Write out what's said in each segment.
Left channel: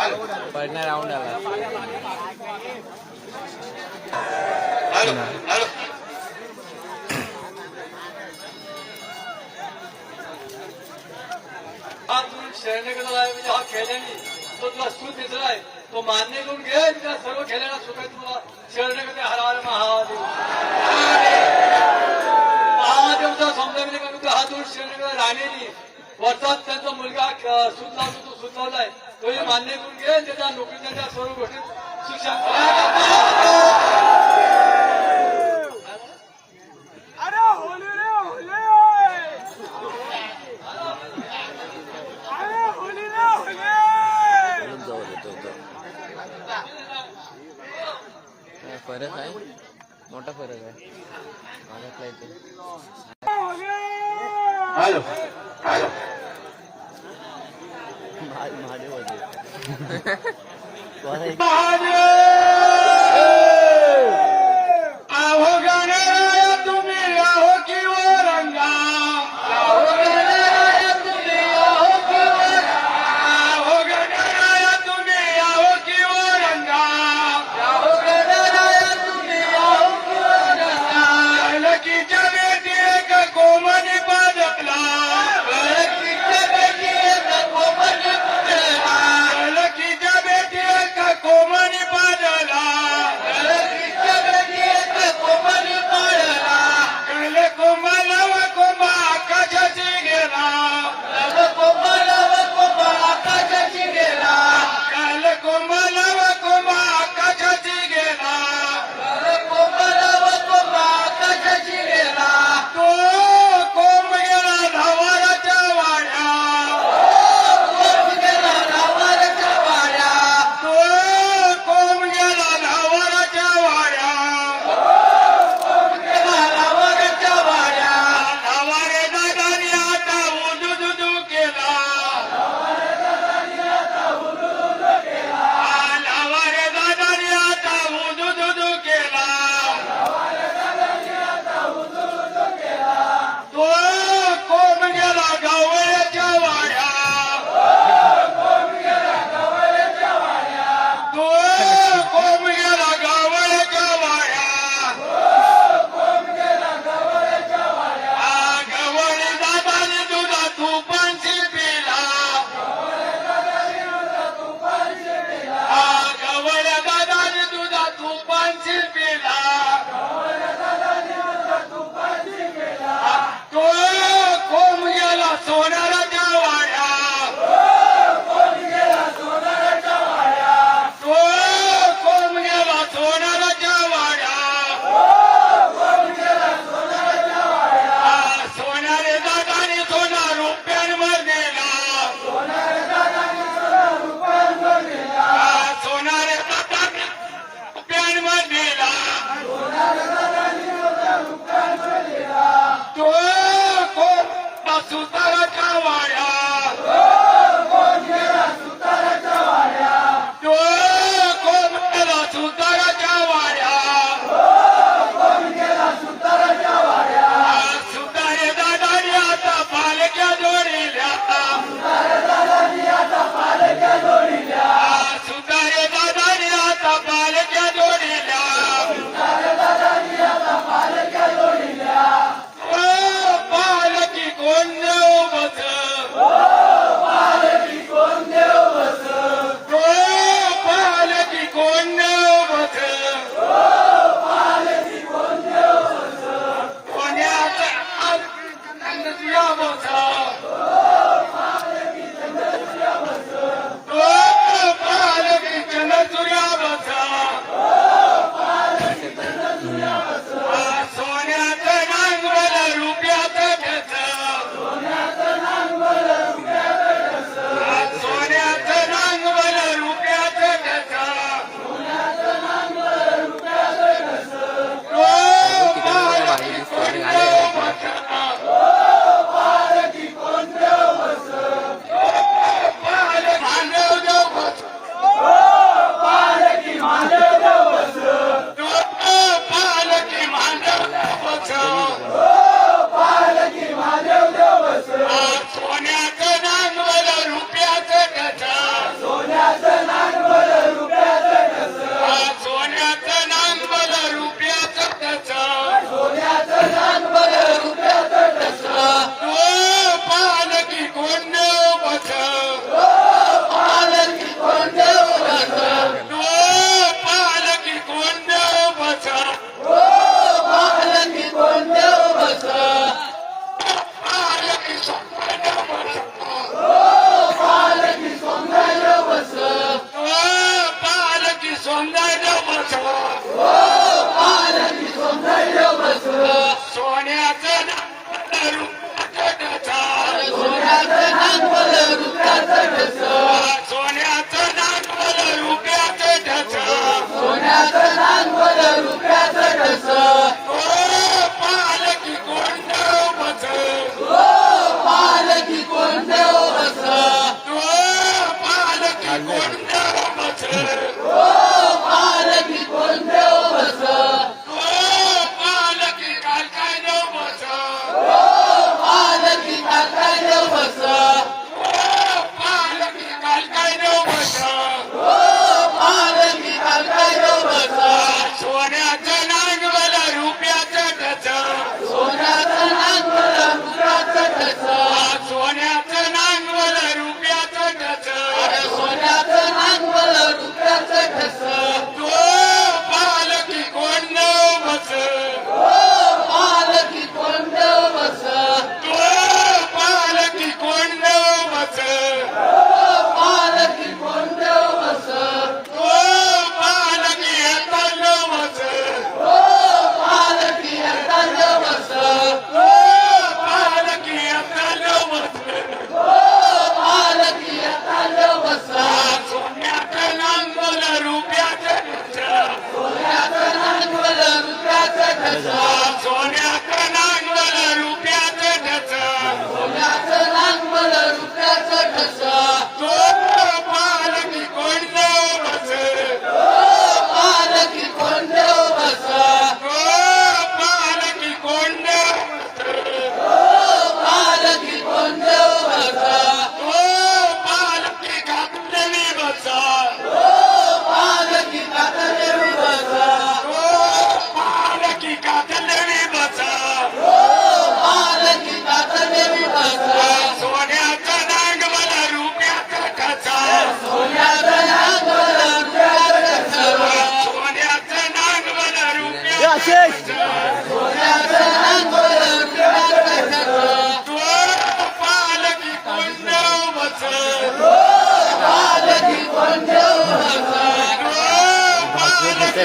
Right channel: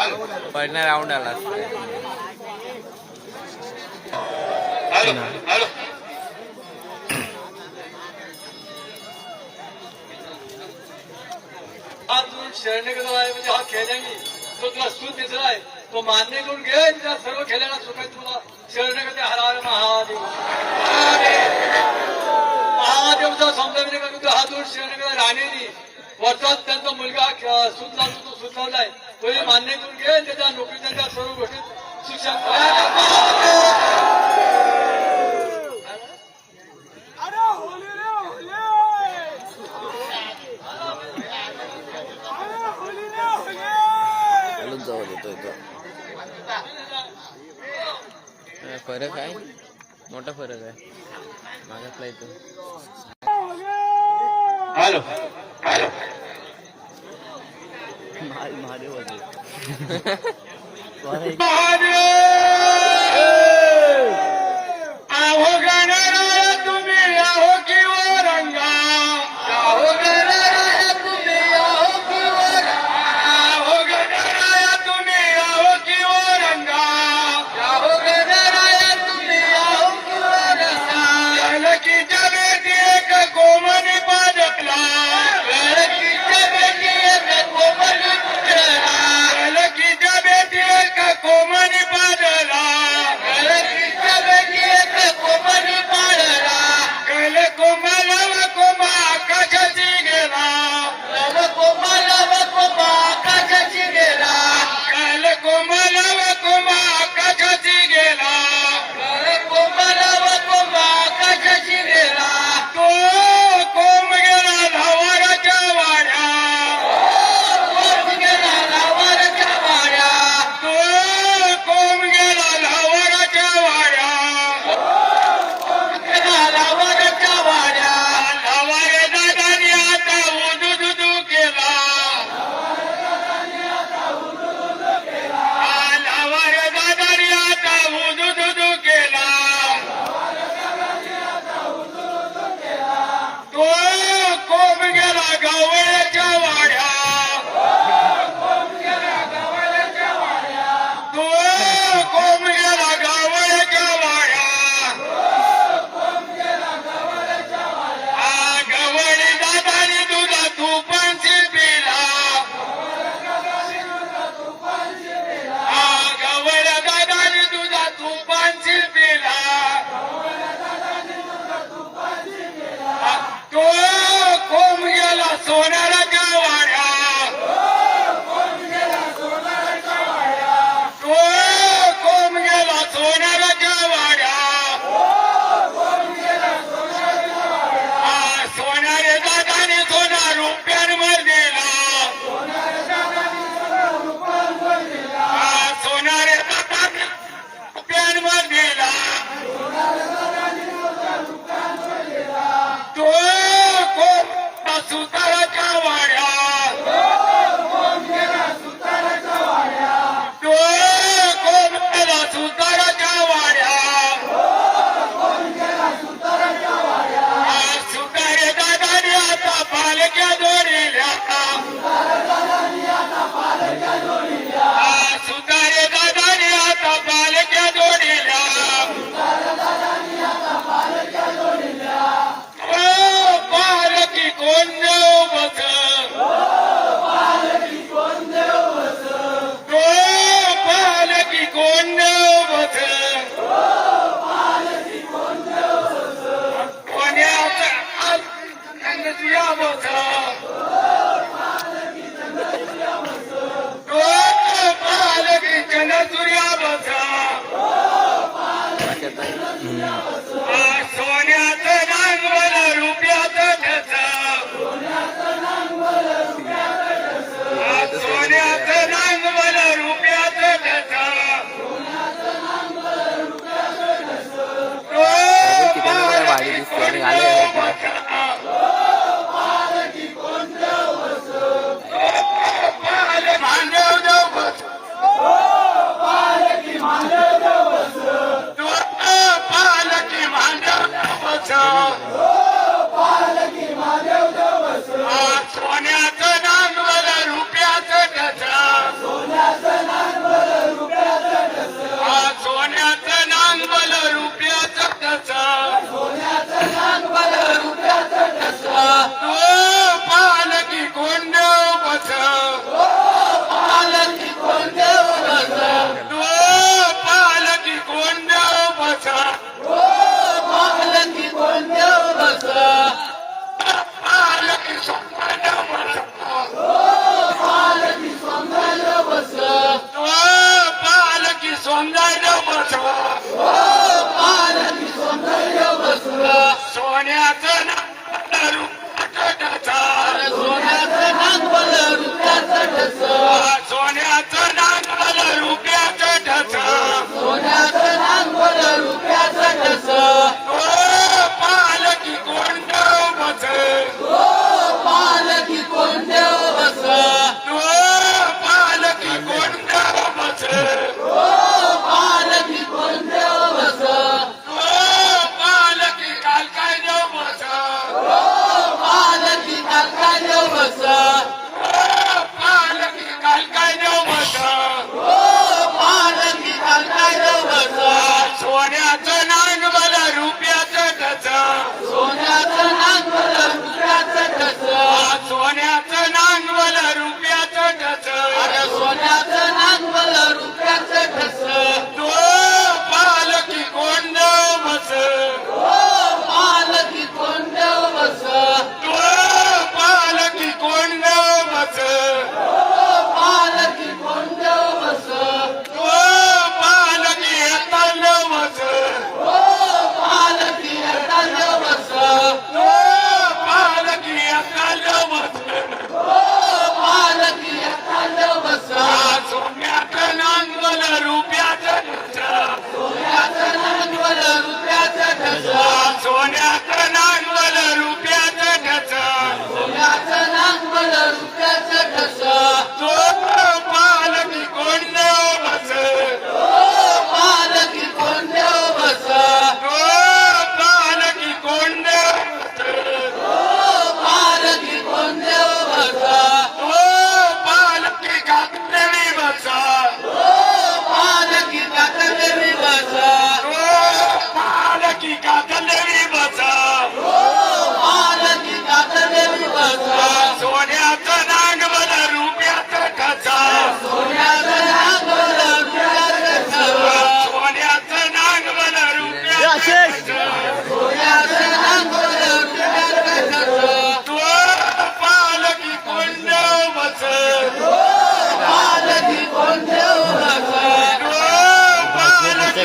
पहिल्या राऊंड आला शरणगडकडे म्हणजे हा तो तुला सूत तो मान्य करून घे. सर्व खेळण्याला तुला शरण्याकडे हा दोन शरण्याकडे राहण्याने वरचा त्यांचा मुलगा सूत लावला तो लावलाय पहिले मान्य करके नेता त्याच्या नोकरी त्यांच्या सर्व गोष्टी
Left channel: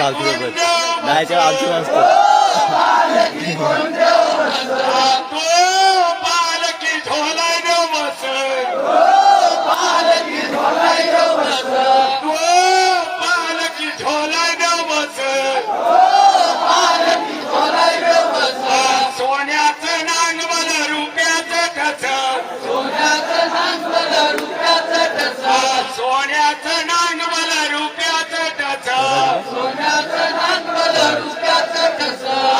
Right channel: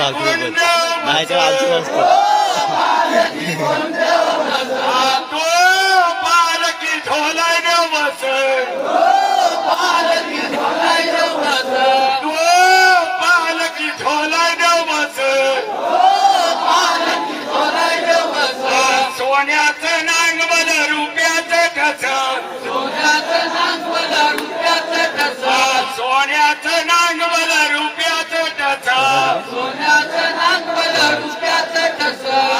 फालतू सोबत दहाच्या आलची असतो. तो पालकी टच तो पालकी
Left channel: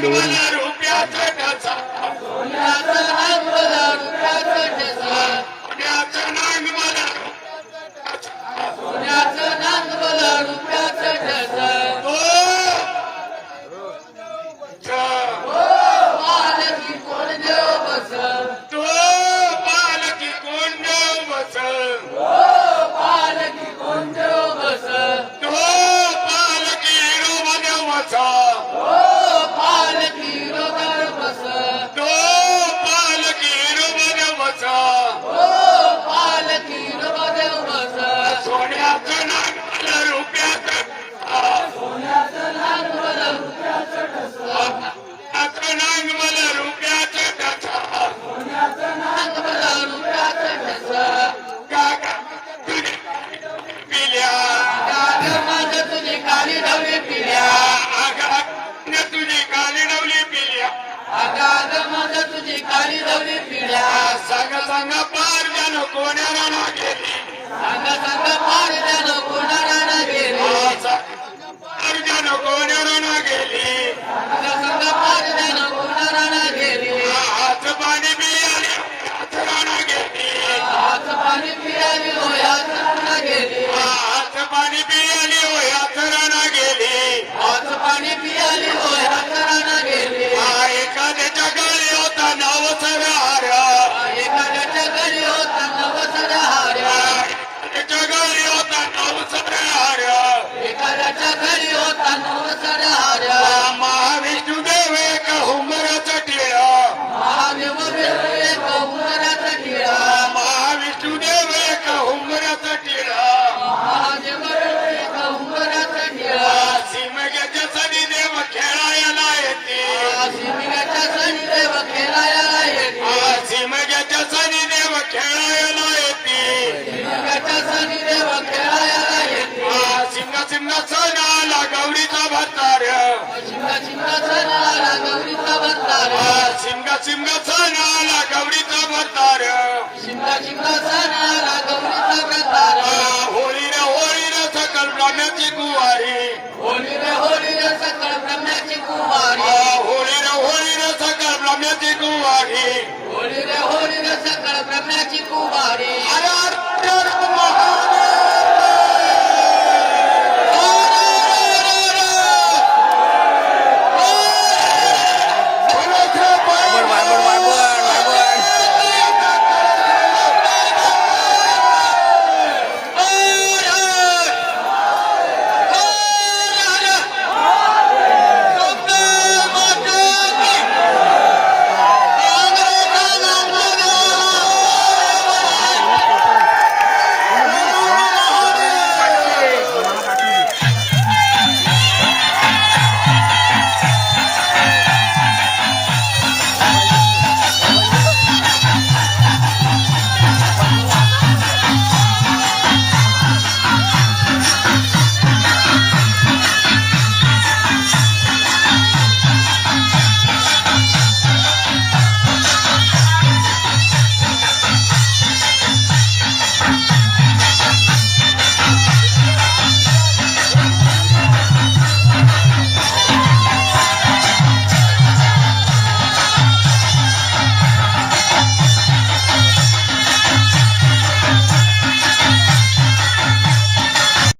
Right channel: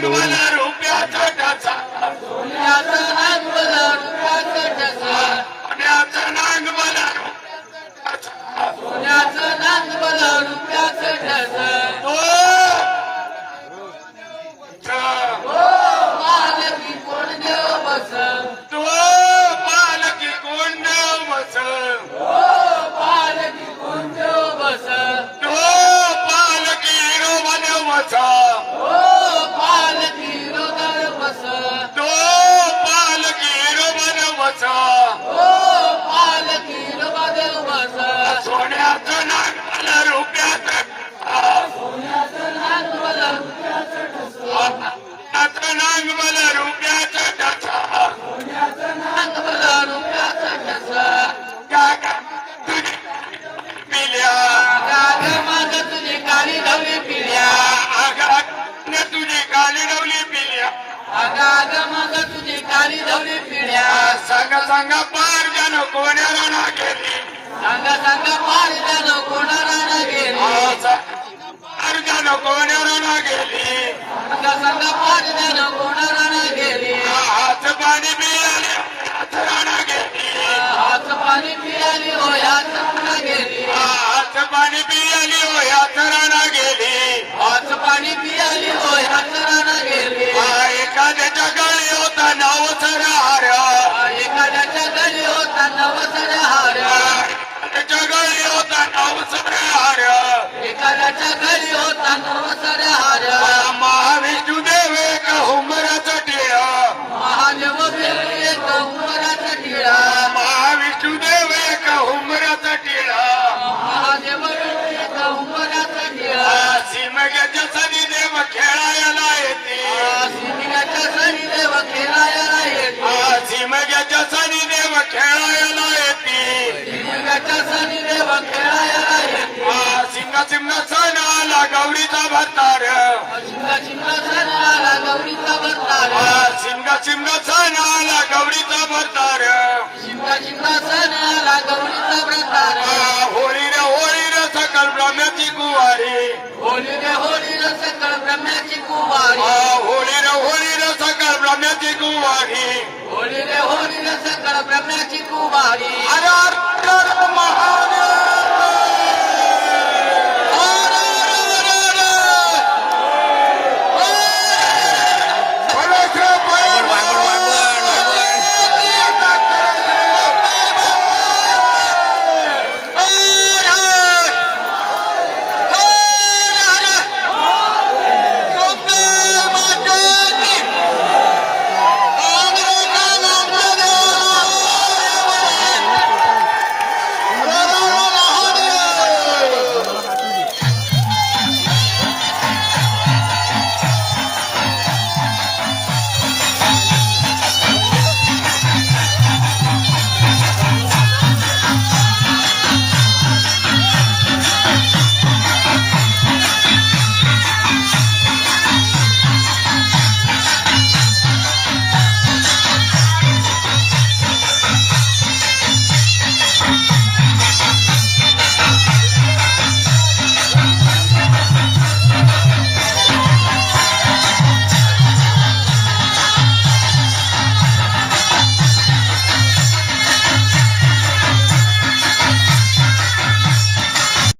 flexibility. चिमना चिमना चढाला गौरीचा भत्तार चिमना चिमना चढाला गौरीचा भत्तार चिमना चिमना चढाला गौरीचा भत्तार चिमना चिमना चढाला गौरीचा भत्तार होळी रे होळी रे सकल ब्रह्म्याची कुवारी. होळी रे होळी रे सकल ब्रह्म्याची कुवारी. होळी रे होळी रे सकल ब्रह्म्याची कुवारी. होळी रे होळी रे सकल ब्रह्म्याची कुवारी.